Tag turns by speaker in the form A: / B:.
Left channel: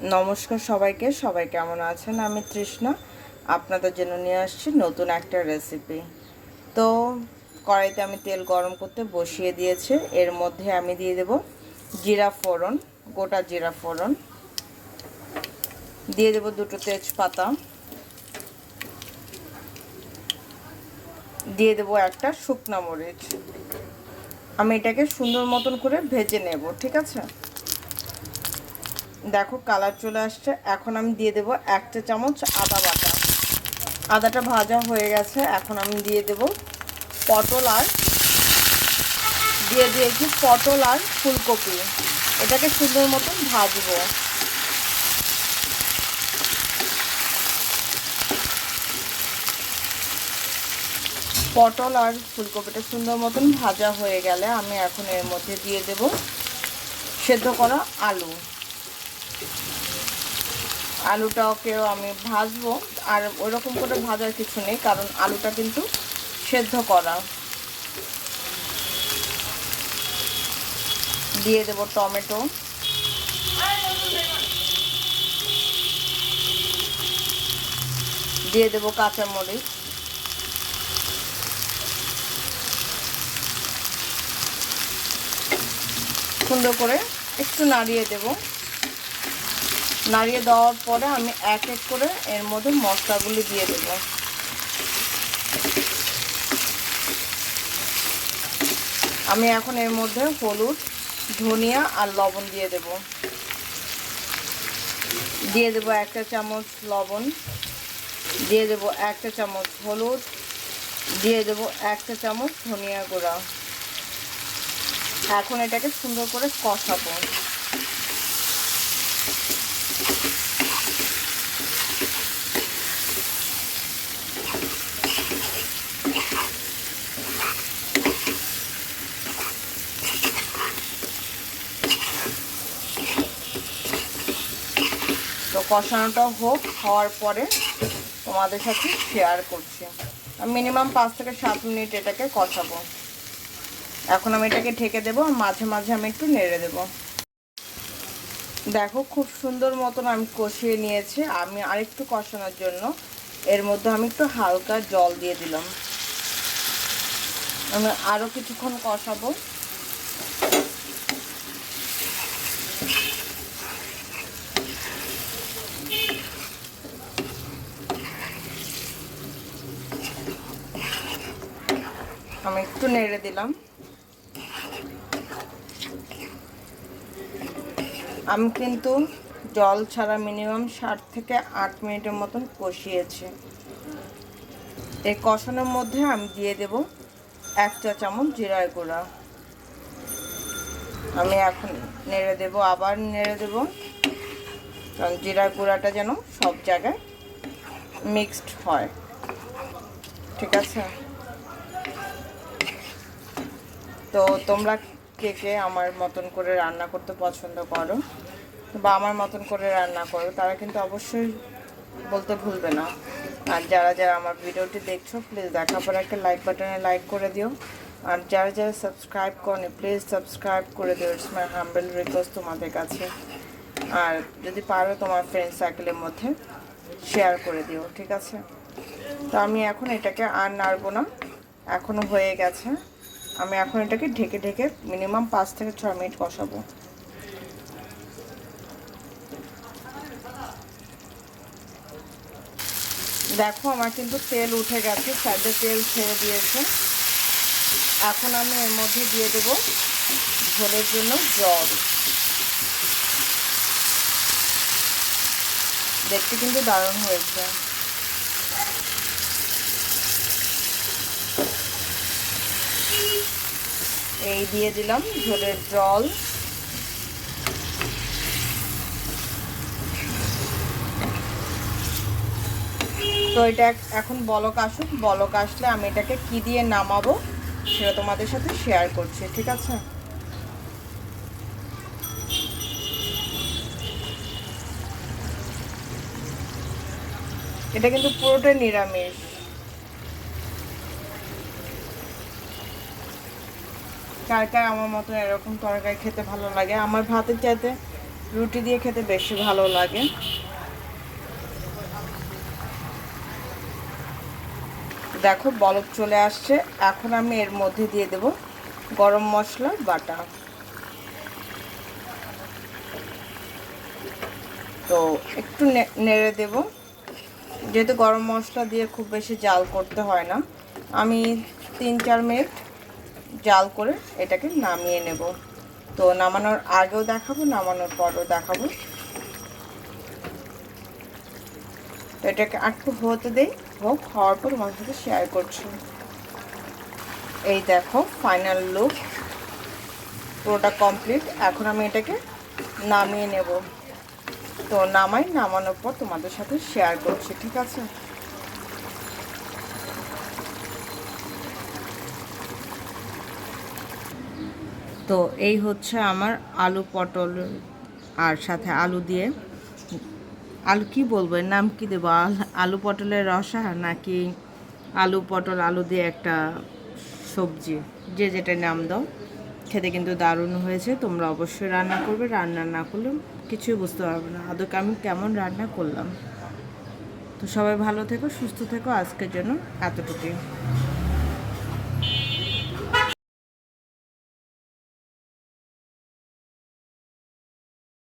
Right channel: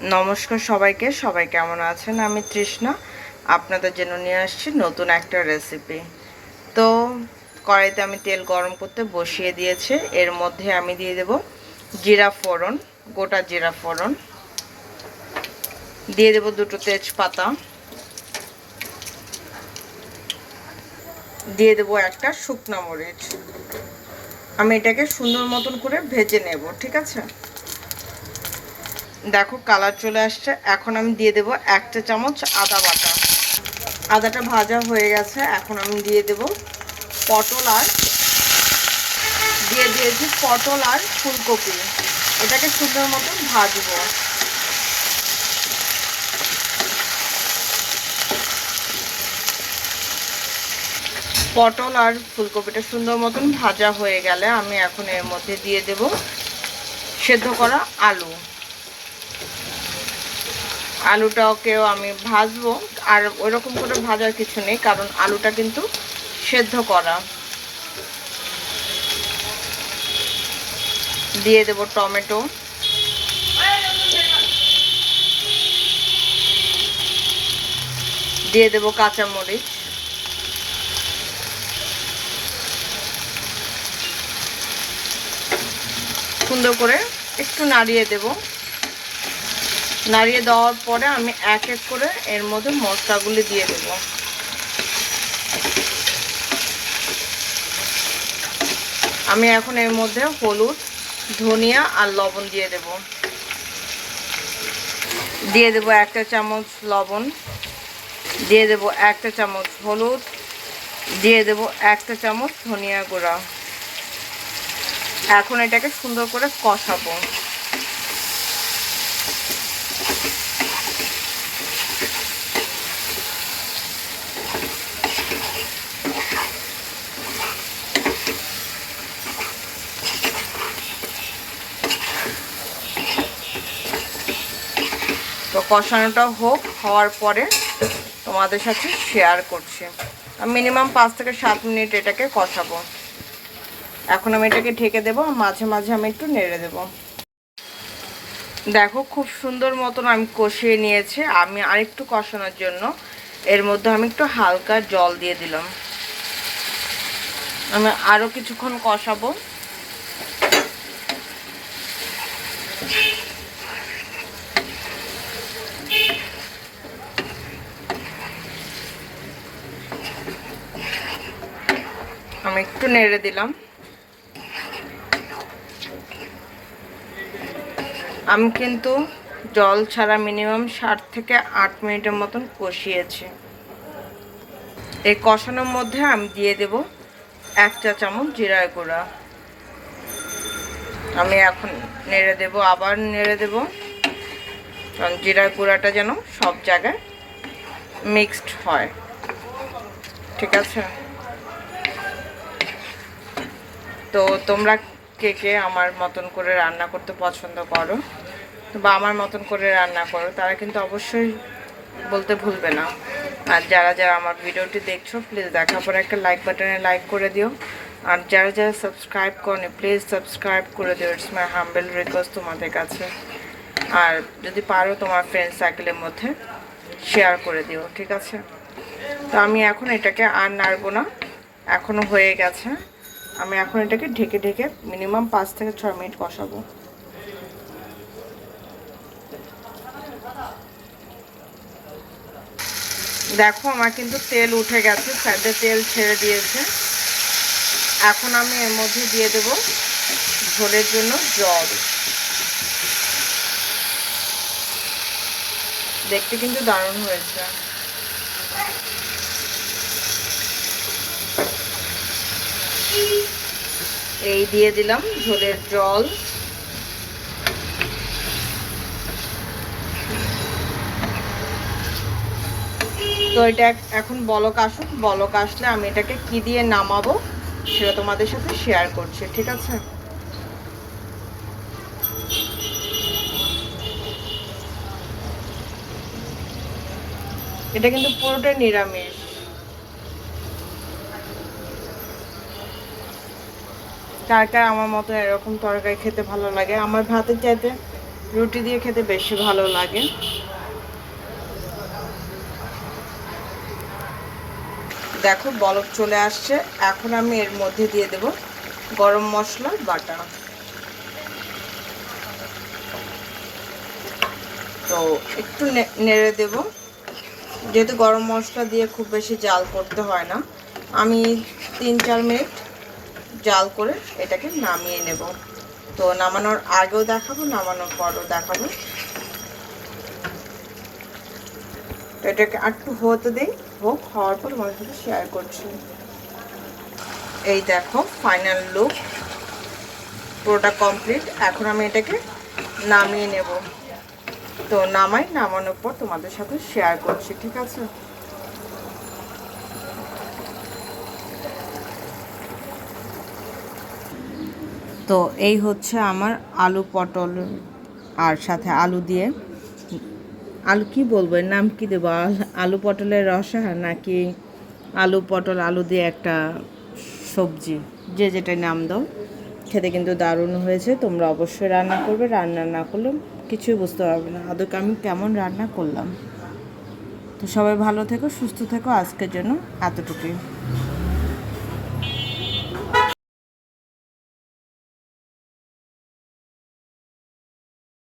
A: নমস্কার সবাইকে, সবাই কেমন আছেন? আমি তৃষ্ণা, আপনাদের জন্য নিয়ে আসছি নতুন একটা রেসিপি তো, কড়াইতে আমি তেল গরম করতে বসিয়ে দিয়েছি। এর মধ্যে আমি দিয়ে দেব জিরা ফোড়ন, গোটা জিরা ফোড়ন। দিয়ে দেব দুটো তেজপাতা। দিয়ে দেব একটা শুকনো মরিচ। আমি এটাকে সুন্দর মতন করে ভেজে নেব, ঠিক আছে? দেখো কালার চলে আসছে। এখন আমি দিয়ে দেব একটা চামচ আদা বাটা। আদাটা ভাজা হয়ে গেছে, এখন আমি দিয়ে দেব পটল আর দিয়ে দিয়েছি পটল আর ফুলকপি। এটাকে সুন্দর মতন ভাজবো। পটল আর ফুলকপিটা সুন্দর মতন ভাজা হয়ে গেলে আমি এখন এর মধ্যে দিয়ে দেব সেদ্ধ করা আলু। আলুটাকেও আমি ভাজবো। আর ওইরকম করে ভাজার কিছু নেই, কারণ আলুটা কিন্তু সেদ্ধ করা। দিয়ে দেব টমেটো। দিয়ে দেব কাঁচামরিচ। সুন্দর করে একটু নাড়িয়ে দেবো। নাড়িয়ে দেওয়ার পরে আমি এক এক করে এর মধ্যে মশলাগুলি দিয়ে দেব। আমি এখন এর মধ্যে হলুদ, ধনিয়া আর লবণ দিয়ে দেব। দিয়ে দেব একটা চামচ লবণ, দিয়ে দেব একটা চামচ হলুদ, দিয়ে দেব একটা চামচ ধনিয়া গুঁড়া। এখন এটাকে সুন্দর করে কষাবো। তো কষানোটা হোক, হওয়ার পরে তোমাদের সাথে শেয়ার করছি। আমি মিনিমাম পাঁচ থেকে সাত মিনিট এটাকে কষাবো। এখন আমি এটাকে ঢেকে দেবো মাঝে মাঝে আমি একটু নেড়ে দেবো। দেখো খুব সুন্দর মতন আমি কষিয়ে নিয়েছি। আমি আরেকটু কষানোর জন্য এর মধ্যে আমি একটু হালকা জল দিয়ে দিলাম। আমি আরও কিছুক্ষণ কষাবো। আমি একটু নেড়ে দিলাম। আমি কিন্তু জল ছাড়া মিনিমাম ষাট থেকে আট মিনিটের মতন কষিয়েছি। এই কষানোর মধ্যে আমি দিয়ে দেব এক চা চামচ জিরায় গুঁড়া। আমি এখন নেড়ে দেব, আবার নেড়ে দেব। কারণ জিরার গুঁড়াটা যেন সব জায়গায় মিক্সড হয়। ঠিক আছে? তো তোমরা কে কে আমার মতন করে রান্না করতে পছন্দ করো বা আমার মতন করে রান্না করো, তারা কিন্তু অবশ্যই বলতে ভুলবে না। আর যারা যারা আমার ভিডিওটি দেখছ প্লিজ দেখার পর একটা লাইক বাটনে লাইক করে দিও। আর যারা যারা সাবস্ক্রাইব করেনি প্লিজ সাবস্ক্রাইব করে দিও। ইটস মাই হাম্বেল রিকোয়েস্ট তোমাদের কাছে। আর যদি পারো তোমার ফ্রেন্ড সার্কেলের মধ্যে শেয়ার করে দিও, ঠিক আছে? তো আমি এখন এটাকে আর নাড়বো না। এখনও হয়ে গেছে। আমি এখন এটাকে ঢেকে ঢেকে মিনিমাম পাঁচ থেকে ছয় মিনিট কষাবো। দেখো আমার কিন্তু তেল উঠে গেছে সাইডে তেল ছেড়ে দিয়েছে। এখন আমি এর মধ্যে দিয়ে দেব ঝোলের জন্য জল। দেখতে কিন্তু দারুণ হয়েছে। এই দিয়ে দিলাম ঝোলের জল। তো এটা এখন বলক আসুক, বলক আসলে আমি এটাকে কি দিয়ে নামাবো সেটা তোমাদের সাথে শেয়ার করছি, ঠিক আছে? এটা কিন্তু পুরোটাই নিরামিষ। কার কার আমার মতো এরকম তরকারি খেতে ভালো লাগে? আমার ভাতের চাইতে রুটি দিয়ে খেতে বেশি ভালো লাগে। দেখো, বলক চলে আসছে। এখন আমি এর মধ্যে দিয়ে দেব গরম মশলা, বাটা। তো একটু নেড়ে দেব। যেহেতু গরম মশলা দিয়ে খুব বেশি জাল করতে হয় না। আমি তিন চার মিনিট জাল করে এটাকে নামিয়ে নেব। তো নামানোর আগেও দেখাবো, নামানোর পরও দেখাবো। তো এটাকে একটু হতে দিই, হোক, হওয়ার পর তোমাদের সাথে শেয়ার করছি। এই দেখো ফাইনাল লুক পুরোটা কমপ্লিট এখন আমি এটাকে নামিয়ে নেব। তো নামাই, নামানোর পর তোমাদের সাথে শেয়ার করছি, ঠিক আছে? তো এই হচ্ছে আমার আলু পটল আর সাথে আলু দিয়ে। আলু কি বলব? নাম কি দেবো? আল- আলু পটলের রসা নাকি আলু পটল, আলু দিয়ে একটা সবজি, যে যেটা নাম দাও। খেতে কিন্তু দারুণ হয়েছে। তোমরা অবশ্যই রান্না করবে। রান্না না করলে কিছুই বুঝতে পারবে না। আদৌ আমি কেমন রান্না করলাম? তো সবাই ভালো থেকো, সুস্থ থেকো। আজকের জন্য এতটুকুই।